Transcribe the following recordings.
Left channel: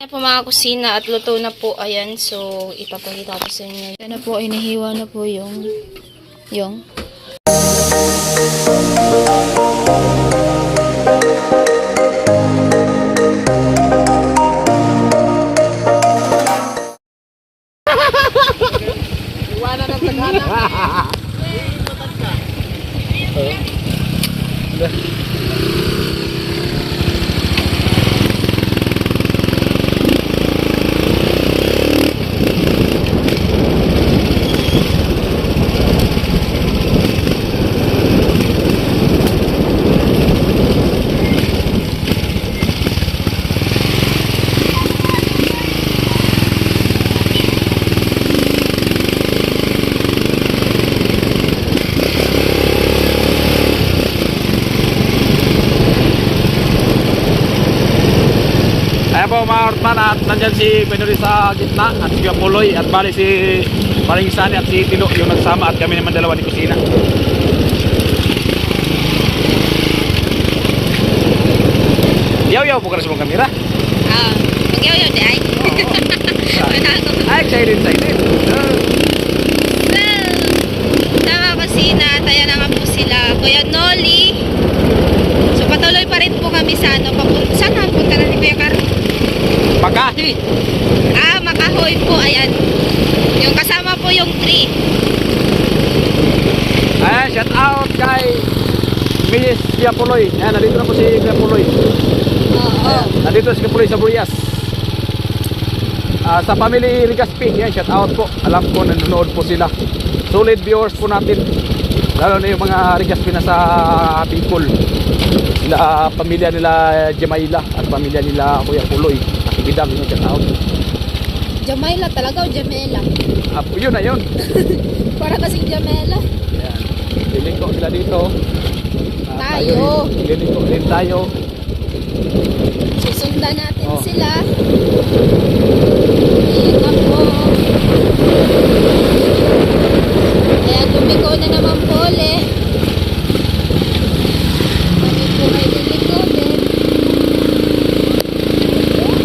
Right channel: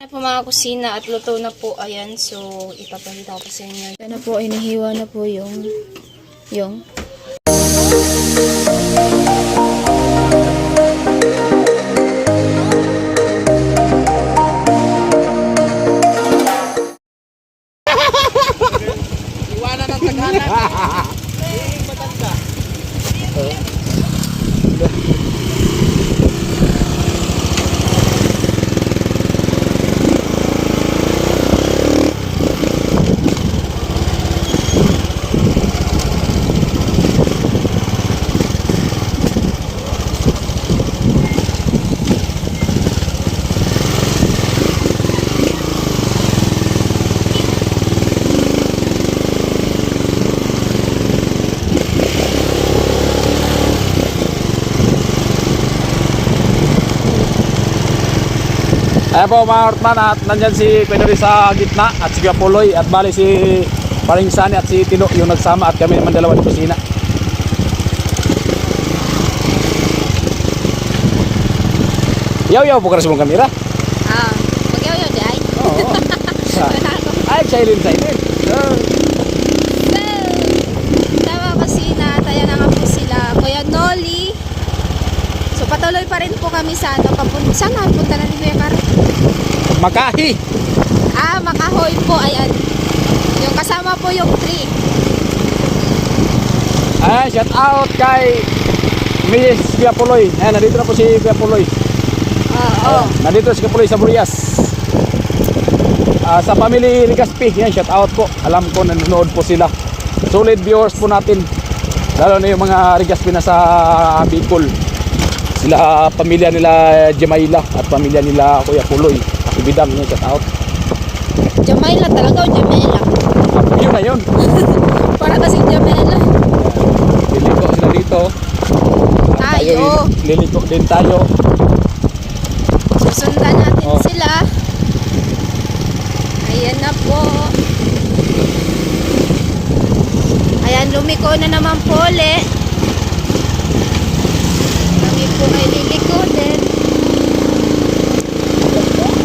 Ayan po mga kusina at luto na po. Ayan, so ipapakita ko sa inyo. Ayan na po, ay nahiwa na po yung yung Nandyan si Pedro sa gitna at si Gapuloy at bali si Paring Sani at si Tilo yung nagsama at kami naman dalawa ni Kusina. Yaw yaw po ka sa mong kamera. Ah, magyaw-yaw di ay. Ay, silent silent. So, tama. Taya na nga po sila. Kuya Noli. So, patuloy pa rin po kami sa ano. Papun saan na punta na ni Kuya Kar? Makahi. Ah, Makahoy po. Ayan. Yung kasama po yung tree. Ayan, shout out kay Miss Gapuloy. Ayan, nandito na po si Gapuloy. Oo. Nandito si Gapuloy sa Burias. Ah, sa family Rigaspi, yan, shout out po. Alam ko nanonood po sila. Solid viewers po natin. Lalo na yung mga Rigaspi na sa Bicol. Sila pamilya nila Jemaila at pamilya nila Kuya Puloy. Ibidang yan, shout out. Jamila talaga o Jamela? At yun na yun. Para kasing Jamela. Liliko sila dito. Tayo. Liliko din tayo. Susundan natin Oh. sila. Ayan na po. Ayan, lumiko na naman po ulit. Kami po ay liliko din.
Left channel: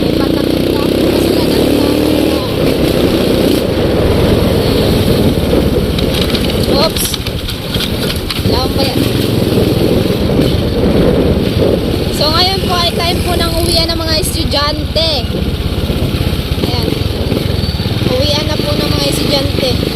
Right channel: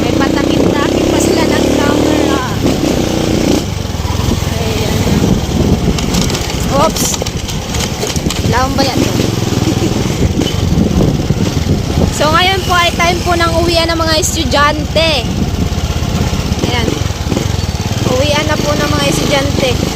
May patakit na po sila ng camera. Ayan. Oops. Laong ba yan? So ngayon po ay time po ng uwian ng mga estudyante. Ayan. Uwian na po ng mga estudyante.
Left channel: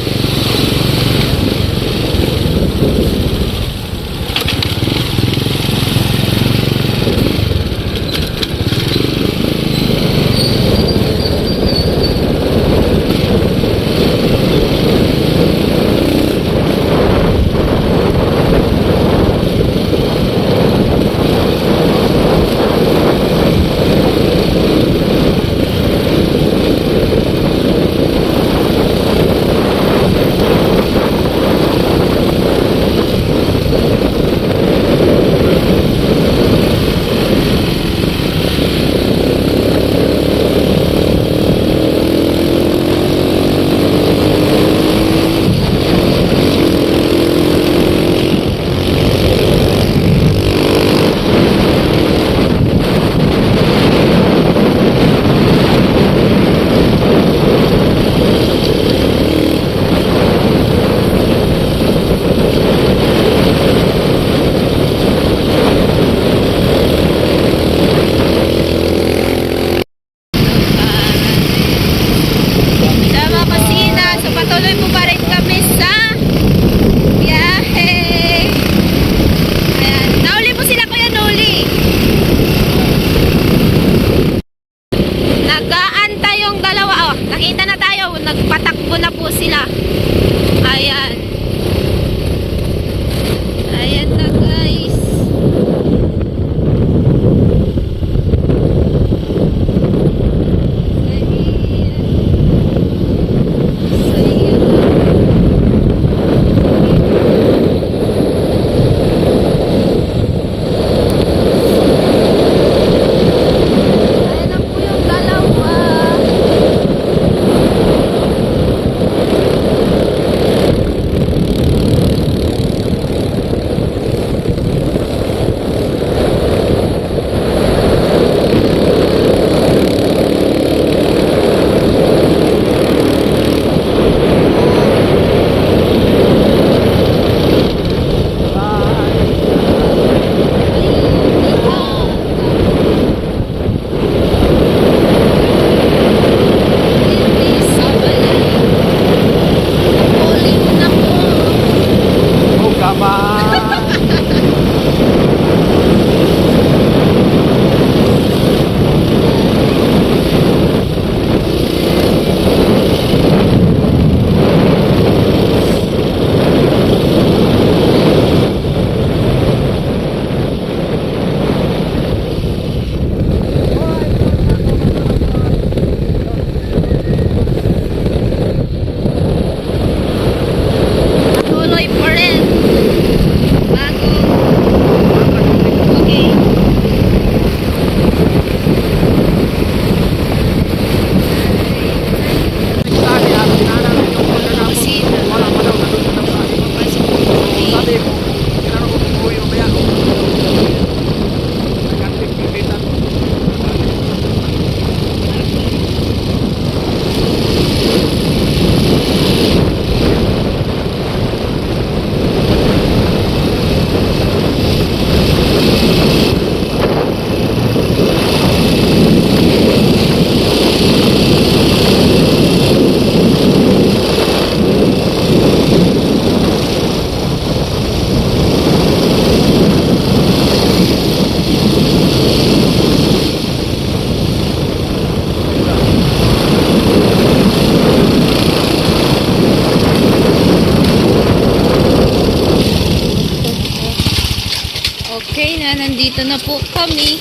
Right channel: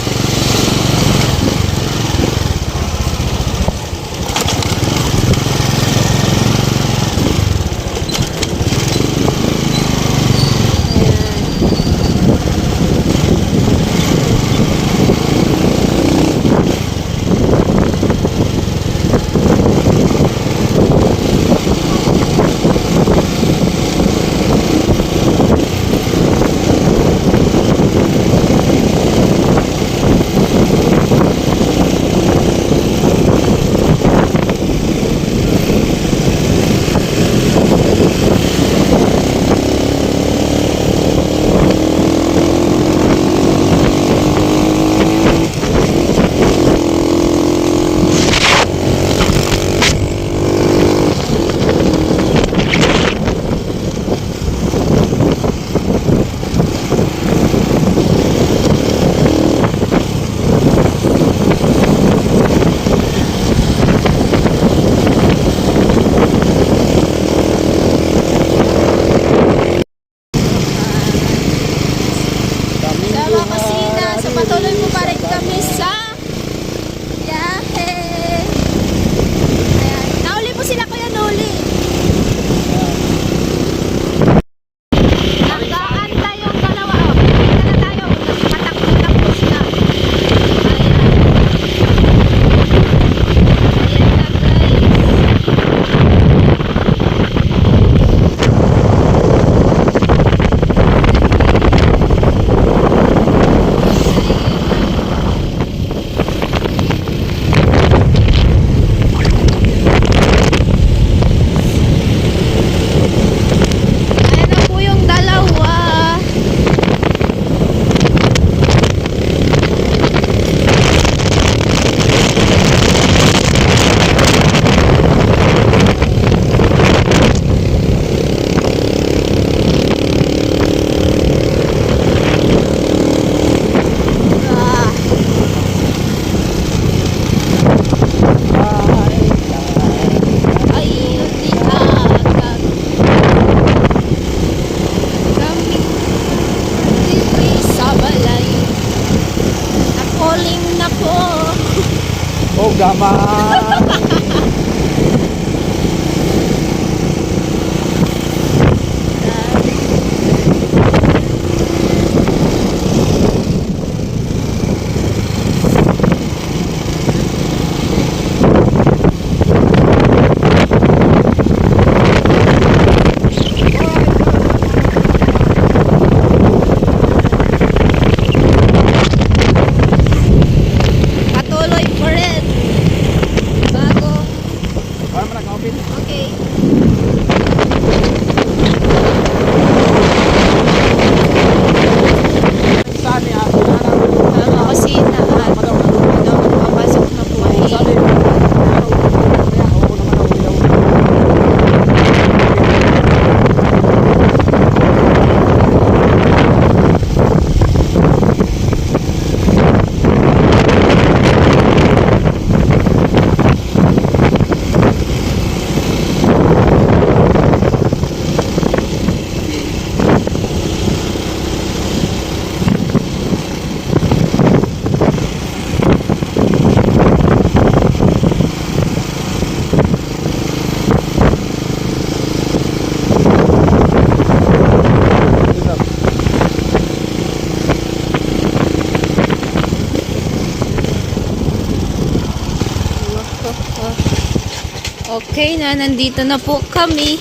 Nandito na po kami.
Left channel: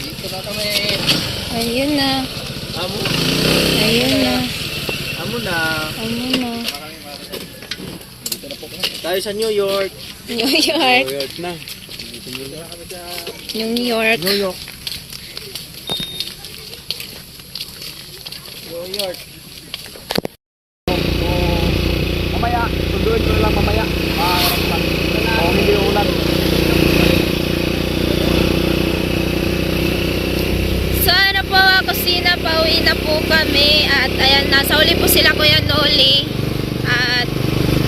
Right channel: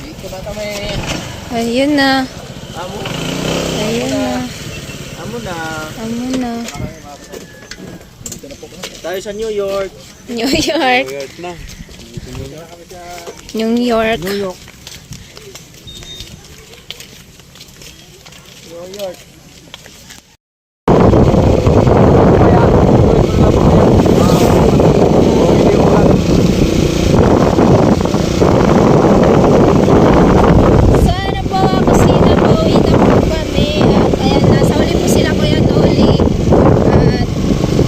Dito na kami. Ayun na. Amo. Ayun na. Amo na. Ano na. Tayo sa New York. New York. New York na. New York. New York. New York. So ano po, kusina, pauwi na po kami. At ayan, nasa uli po sila Kuya Noli. At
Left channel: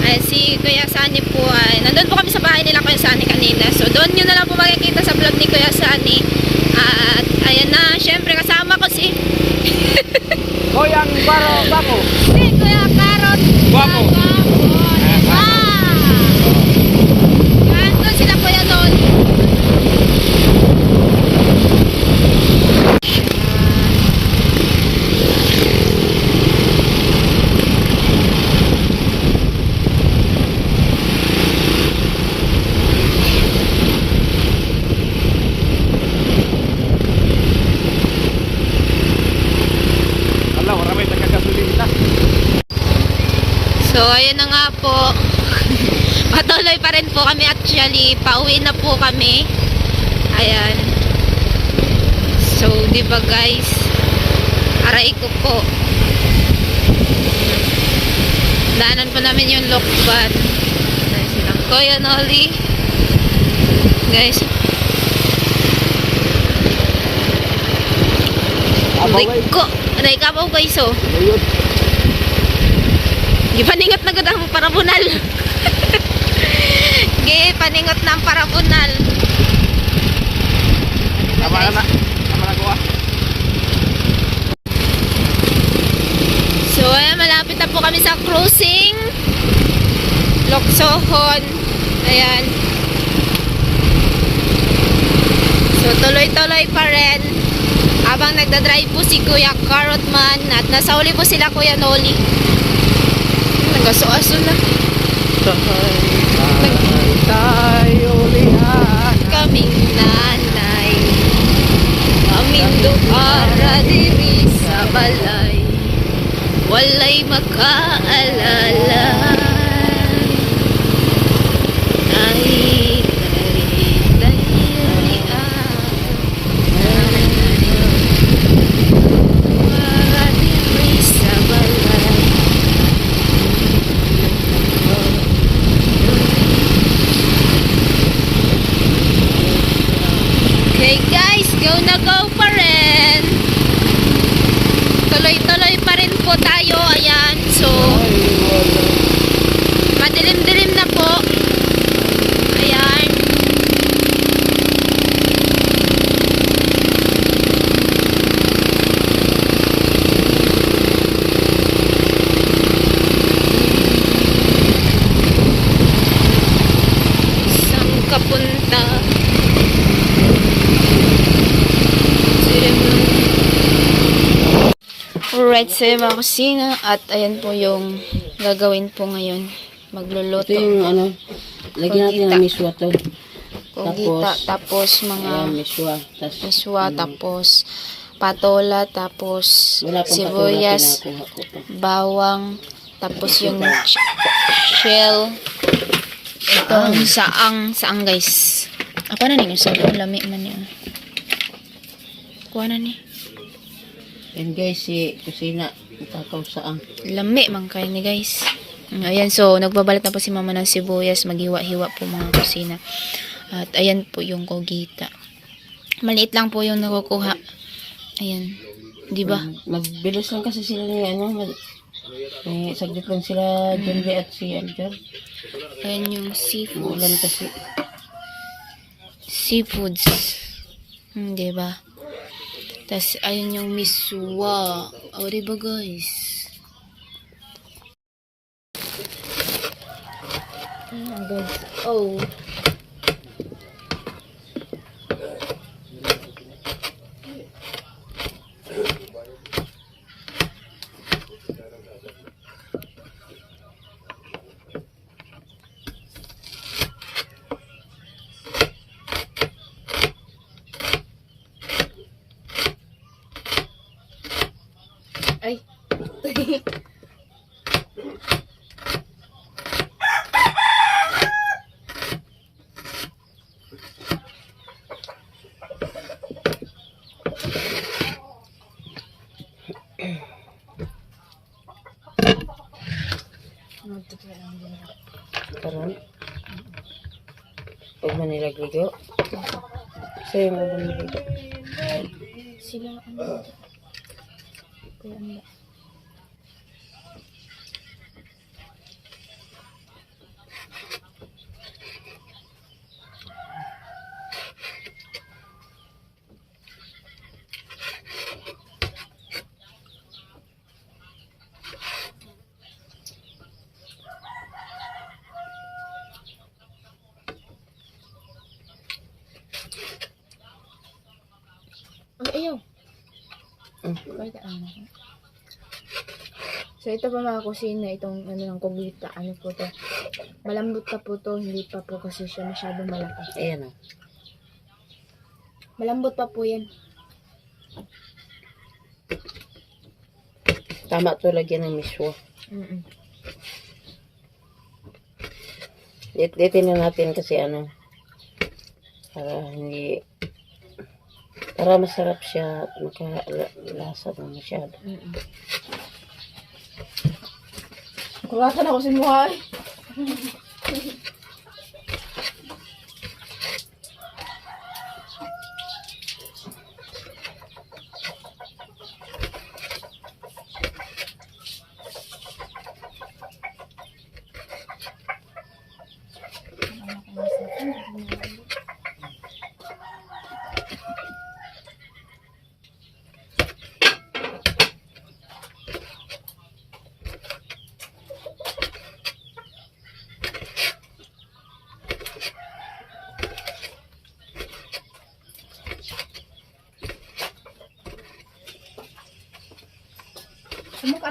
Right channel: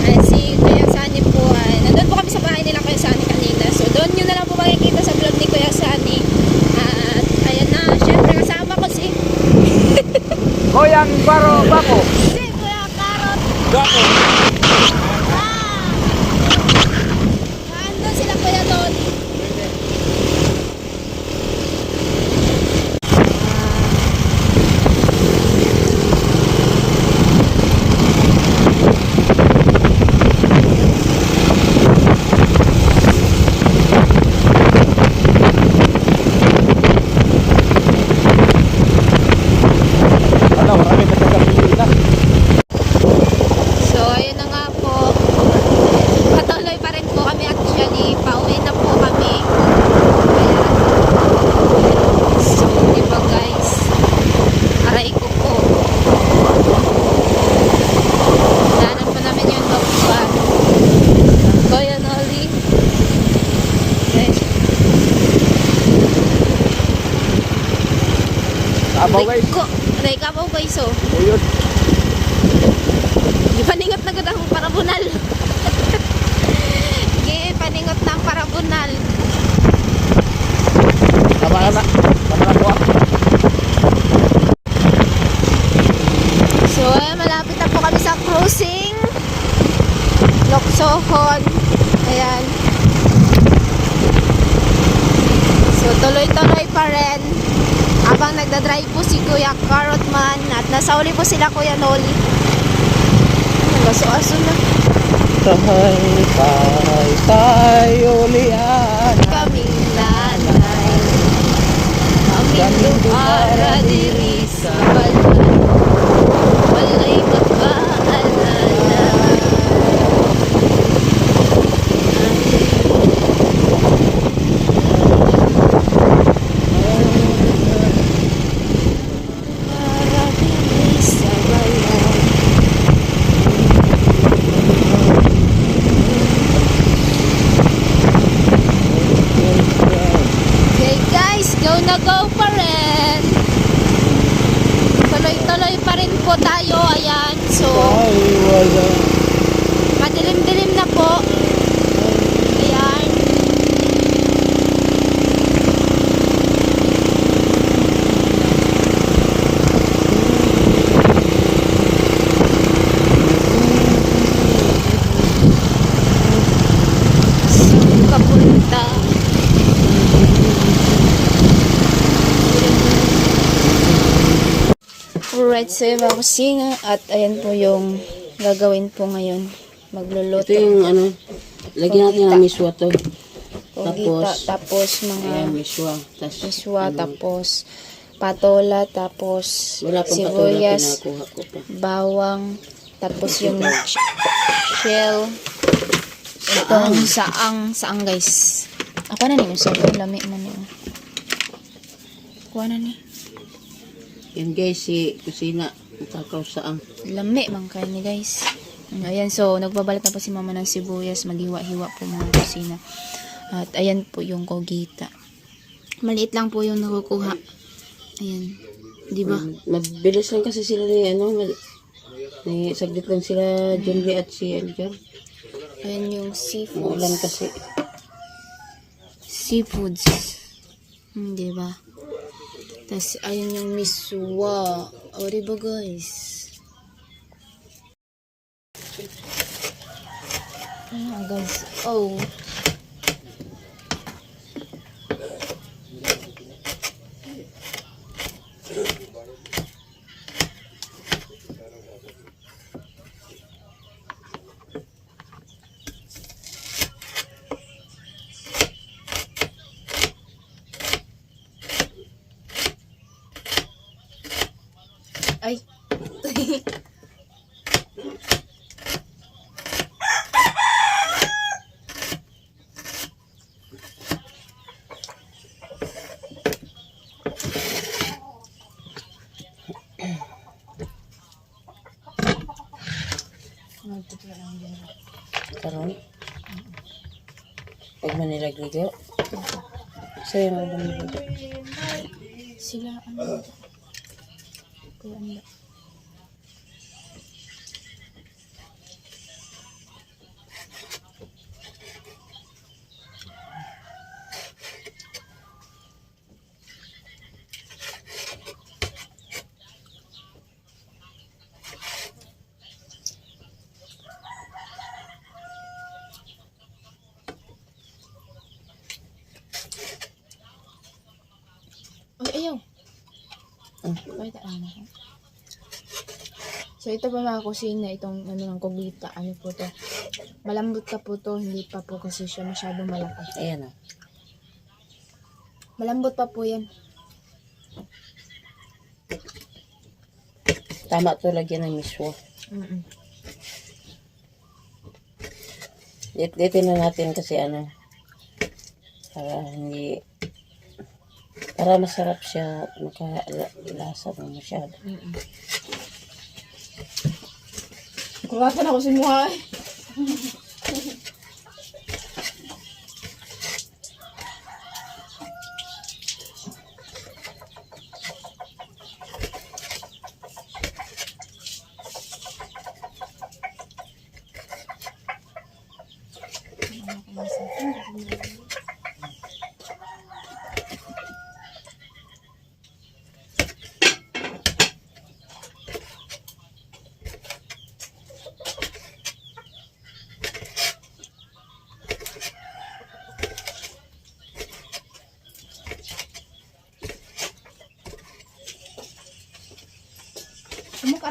ayan, si Kuya Sani po ay, nandun po kami sa bahay nila Kuya Sani kanina. So doon nyo na lang po makikita sa vlog ni Kuya Sani. At ayan na, syempre kasama ko si, Koyang Baro Bako. si Kuya Karot. Bako. Ah! Yan, doon sila Kuya Noli. Ala, marami pa nagkapilita. So, ayun na nga po. Patuloy pa rin po kami actually. Pauwi na po kami. Ayan. So, di ba guys? Aray ko po. Daanan pa namin yung lokban. Ng Kuya Noli. Guys, aray ko. Aray ka po guys oh. Gipaningot na gud ang parabunal. Gipaningot na ang parabunal. So, ayan, malapit na po kami sa cruising. Loksohon. Ayan. So, tuloy-tuloy pa rin. Habang nagdadrive po si Kuya Carrotman at nasa uli po sila Kuya Noli. Nagaso-aso na. Tayo, tayo, tayo, lihan. kaming nanay Aming duara diri sa balay Walay makaalala Ay Duara diri sa balay Okay guys, go na go pa rin. Tuloy-tuloy pa rin po tayo. Ayan, so madilim-dilim na po. Ayan. Saan ka punta? Alright, so yung mga kusina at ayan po yung gagawin po ngayon. Magluluto. Ito yung ano, lagyan natin ng miswa to. Kogita, tapos- tapos mga Ayan, miswa. Tapos, miswa, tapos patola, tapos sibuyas, patuloy, pinakuha ko pa. bawang, tapos yung shell. Itong saang, saang guys. Apa na ninyo? Sa lami man niyo. Kuha na ni. Yan guys, si kusina, takaw saang. Lami man kayo ni guys. Ayan, so nagbabalat na po si mama ng sibuyas, maghiwa-hiwa po mga kusina. At ayan po yung kogita. Maliit lang po yung nakukuha. Ayan. Di ba? Mabilis lang kasi sila ni ano, may saglit lang sila Lee at si Edgar. Ayan yung seafood. Ulan kasi. Seafoods. Hmm, di ba? Tapos, ayun yung miswa. O, di ba guys? Ayan guys. Oh. Ay. Karon. Pag manilagligo. Sa'yo mo ba niligo? Sila ano? Kuya Anda. Ay, ayaw. Pakita lang ako. So, ito pa mga kusina, itong ano ng kugita, ano po to. Malambot ka po to, hindi pa po kasi siya masyadong malaki. Ayan o. Malambot pa po yan. Tama to lagyan ng miswa. Mm-mm. Litin na natin kasi ano. Para hindi... Para masarap siya. Makalasa na masyado. Mm-mm. Kulatan ako si Muhay.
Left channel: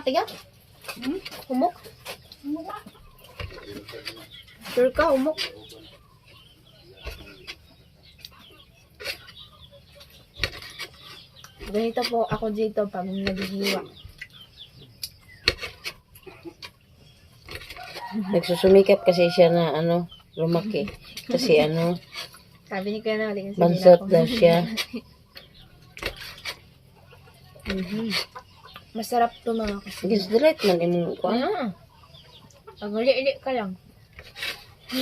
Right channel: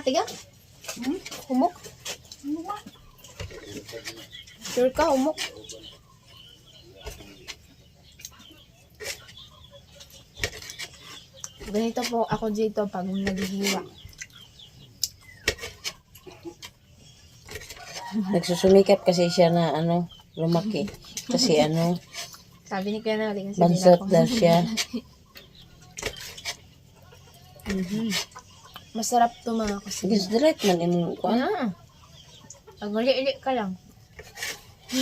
Humok ka? Hmm? Humok? Sure ka, humok. Ganito po ako dito pag naghihiwa. Nagsusumikap kasi siya na ano, lumaki. Kasi ano, Sabi ni Kuya Noli kasi bansot daw siya. Mhm. Masarap to mga kasi. Sige, direct man in ko. Ah. Ang uli-uli ka lang.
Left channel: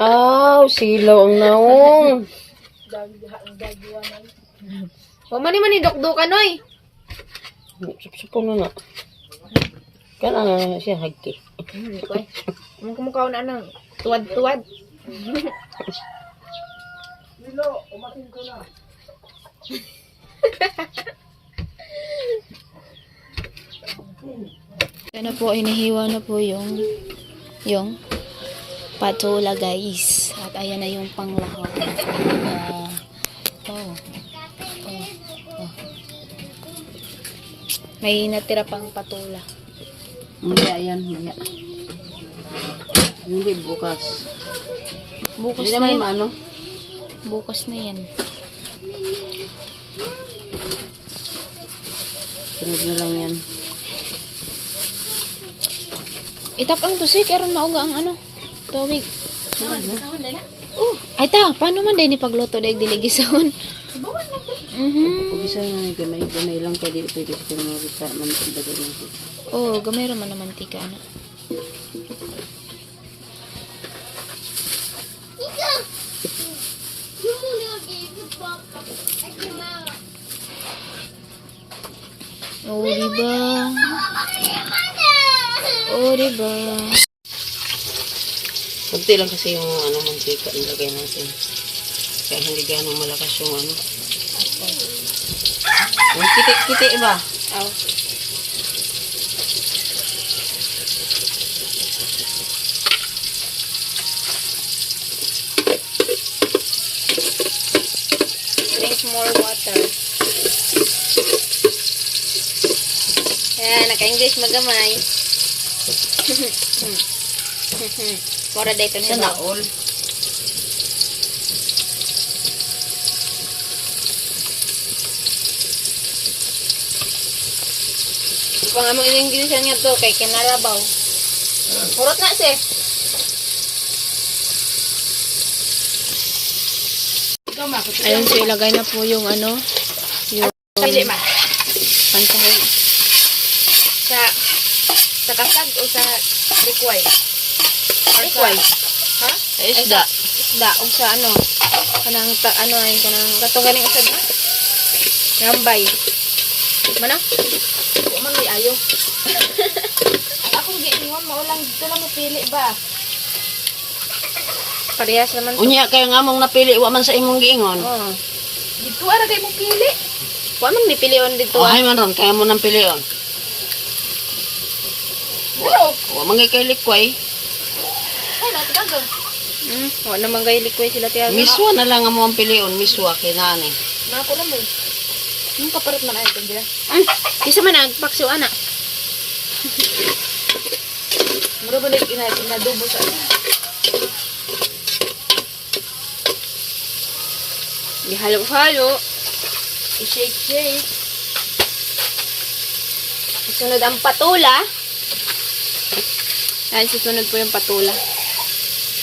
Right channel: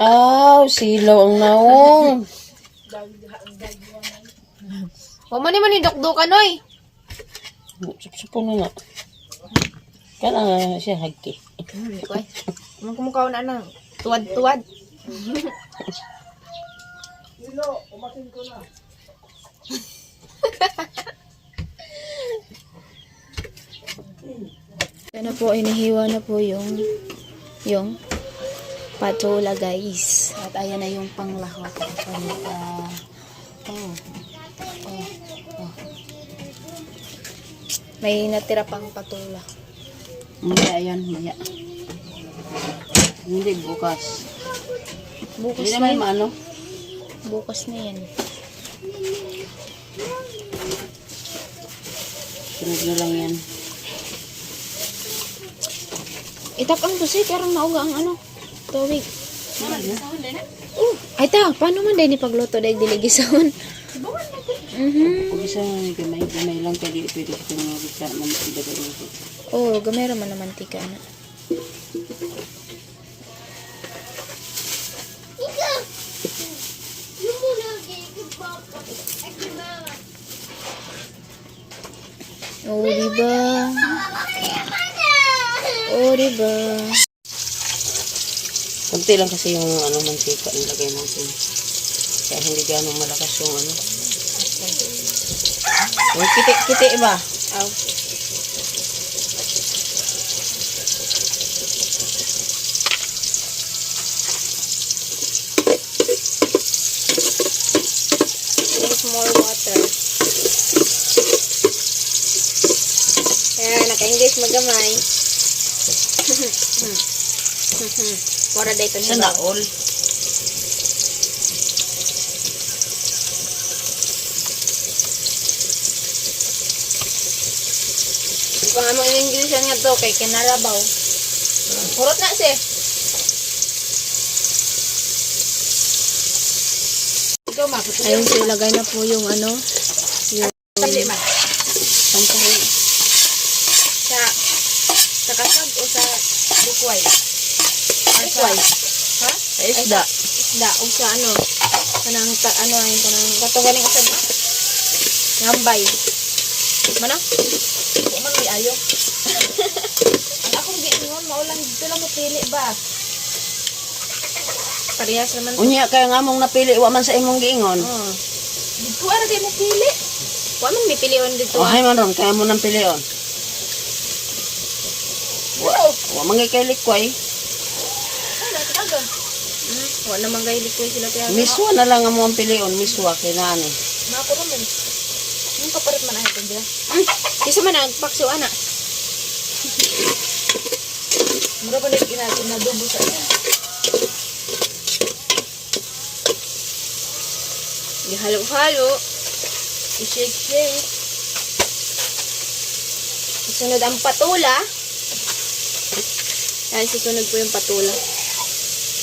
Aw, silaw ang naong. Huwag man naman idokdokan, oy. Supo na na. Kana nga siya hagki. Ko. Ang kumukha na ng tuwad-tuwad. Yan na po, inihiwa na po yung yung patola guys. At ayan na yung panglahok. Uh, oh. Oh. Oh. May natira pang patola. Maya yan, maya. Hindi bukas. Bukas Hindi na yan. maano. Bukas na yan. Sunod na lang yan. Itak ang tusik, karon nauga ang ano. Tawig. Uh, ay ta, paano man din ipagluto dahil diligisahon? Mhm. Kung isa nga gamay, gamay lang kaya di pwede sa bisa man dagat ng kita. Oh, gamay ra man na mantika na. Oh, diba? Oh, diba? Kunti lang kasi yung ano mantika ilagay natin. Kaya hindi ganong malakas yung ano. Ay, kiti, kiti ba? Aw. Drink more water. Yan, naka-English magamay. Mora dayto ni Sana ba? all. pa nga mga Inglesan nga to kay kinarabaw. Hurot na siya. Ayun, so ilagay na po yung ano, yung. Sa sa kasag o sa likway? Likway. Ha? Ay, Isda. Isda, o sa ano, kanang, ta, ano ay, kanang, katugaling usab na. Rambay. Mana? Di mo ni ayo. Ang akong giingon mo lang dito lang mo pili ba? Parehas naman. Unya kaya nga mong napili wa man sa imong giingon. Oh. Dito ara kay mo pili. Wa man ni pilion dito. Oh, hay man ron kaya mo nang pilion. Wa, wa man kay likway. Hmm, wa naman likoy sila tiyago. Miswa na lang ang mo ang pilion, miswa kay nani. Nako naman. Hmm, kapalit man ay kanya. Hmm, isa man nagpakso ana. Mura ba nik ina kinadubo sa Gihalo-halo. i-shake shake. Sunod ang patula. Ay, susunod po yung patula.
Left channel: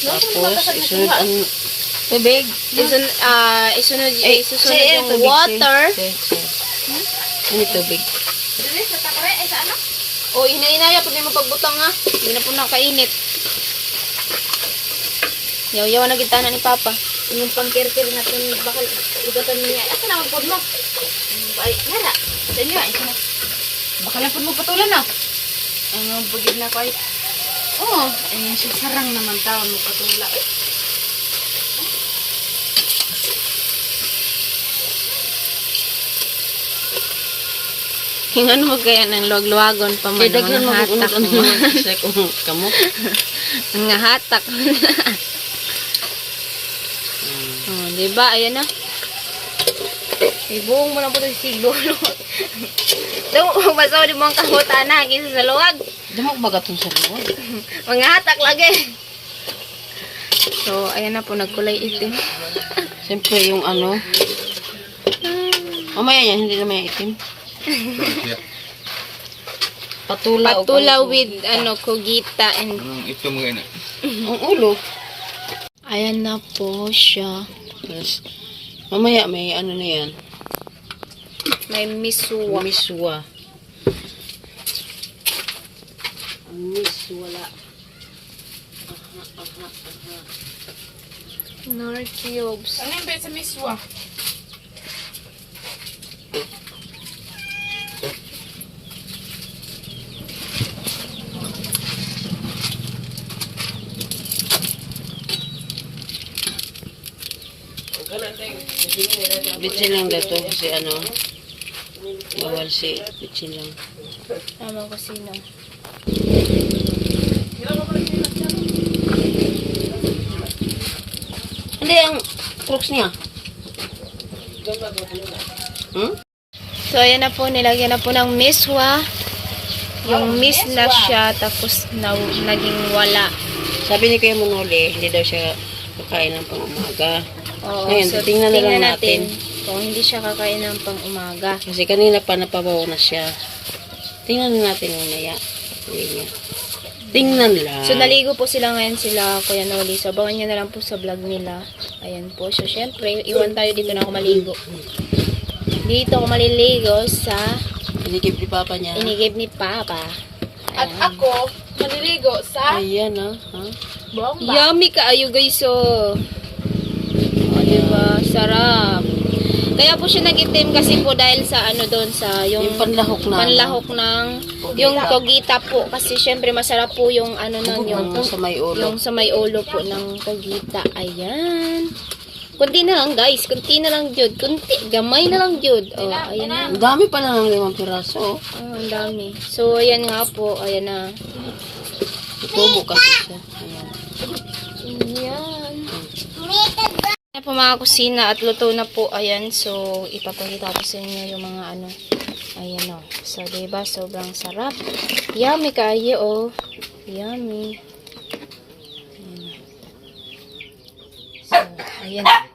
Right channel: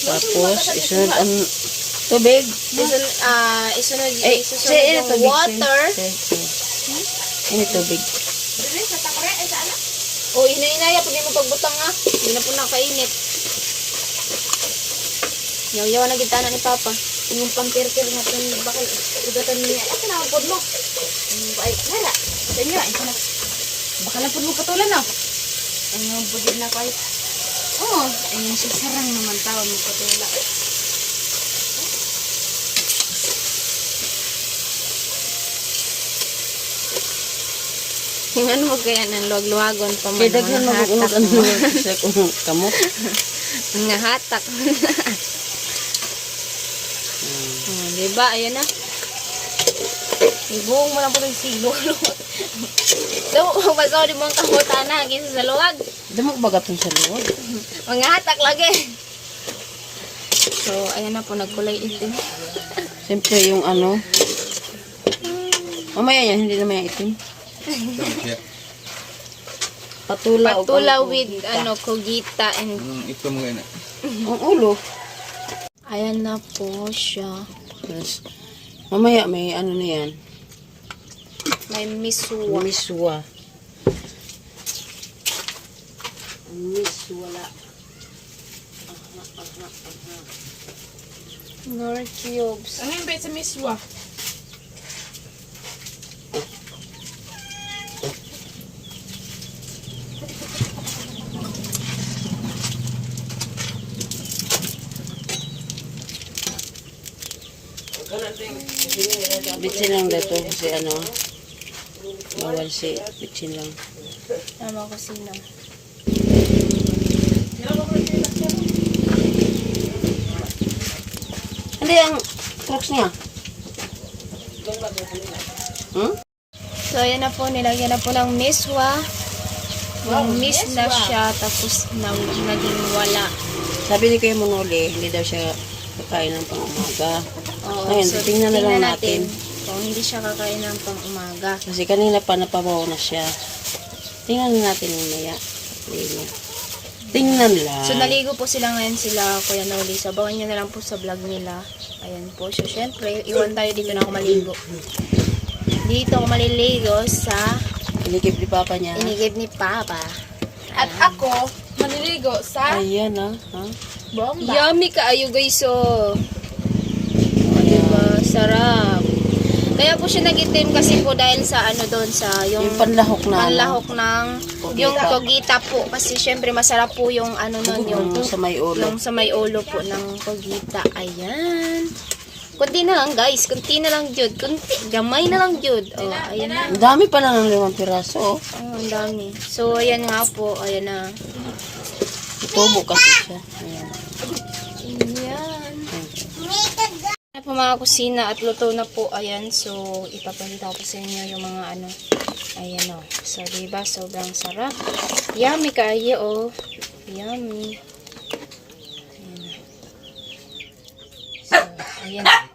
Tapos isunod ang tubig. Isun, ah, isunod, Eh, isusunod say, yung tubig, water. say, say. Ano tubig? O, hinainaya po din mo pagbutang ha. Hindi na po nakainit. Yaw-yaw na kita na ni Papa. Yung pangkirkir natin bakal ugatan niya. Ay, kanawag po mo. Ay, nara. Sa inyo, ay. Baka lang po mo patulan na. Ang bugid na ko ay. Oo, ayun si sarang naman tawon mo patula. Eh, Hingan mo kaya ng luwag-luwagon pa man. Daghan mo Mga kung ano mo. kamot. Mga hatak mo na. Oh, di ba? Ayan na. Ibuong mo lang po ito yung siguro. So, basaw di mo ang kahutan na. Kisa sa luwag. Damo ba gatong sa luwag? Mga hatak lagi. So, ayan na po. Nagkulay itim. Siyempre yung ano. Mamaya yan, hindi naman yung itim. Patula. Patula with ano, kogita and Ito mga ina. Ang ulo. ayan na po siya. Yes. Mamaya may ano na yan. May miswa. Miswa. Miswala. Nor cubes. Anong bet sa miswa? Bitsin lang daw to kasi ano. Bawal si bitsin lang. Ano kasi na. Ang crooks niya. Hmm? So, ayan na po. Nilagyan na po ng miswa. Yung miss na siya. Tapos, na, naging wala. Sabi ni Kuya Manoli, hindi daw siya kakain ng pang umaga. Oo, Ngayon, tingnan na lang natin. Kung hindi siya kakain ng pang umaga. Kasi kanina pa napabaw na siya. Tingnan natin mamaya. Tingnan. Tingnan lang. So, naligo po sila ngayon sila, Kuya Noli. Sabawan niyo na lang po sa vlog nila. Ayan po. So, syempre, iwan tayo dito na ako maligo. Dito ako maliligo sa Inikip ni Papa niya. inigib ni Papa. At ako, maniligo sa Ayan ah. Ha? bomba. Yummy kaayo guys, oh. O, diba? Sarap. Kaya po siya nagitim kasi po dahil sa ano doon sa yung, Yung panlahok na. panlahok ng yung kogita po kasi syempre masarap po yung ano nun yung Yung sa may ulo. yung sa may ulo po ng kogita. Ayan. Kunti na lang guys, kunti na lang jud. Kunti, gamay na lang jud. Oh, ayan na. Ang dami pa lang ng limang piraso. oh. Oh, ang dami. So, ayan nga po. Ayan na. Tubo kasi siya. Ayan. Ayan. Ayan po mga kusina at luto na po. Ayan. So, ipapakita ko sa inyo yung mga ano. Ayan o. So, diba? Sobrang sarap. Yummy kayo o. Yummy. Ayan. So, ayan.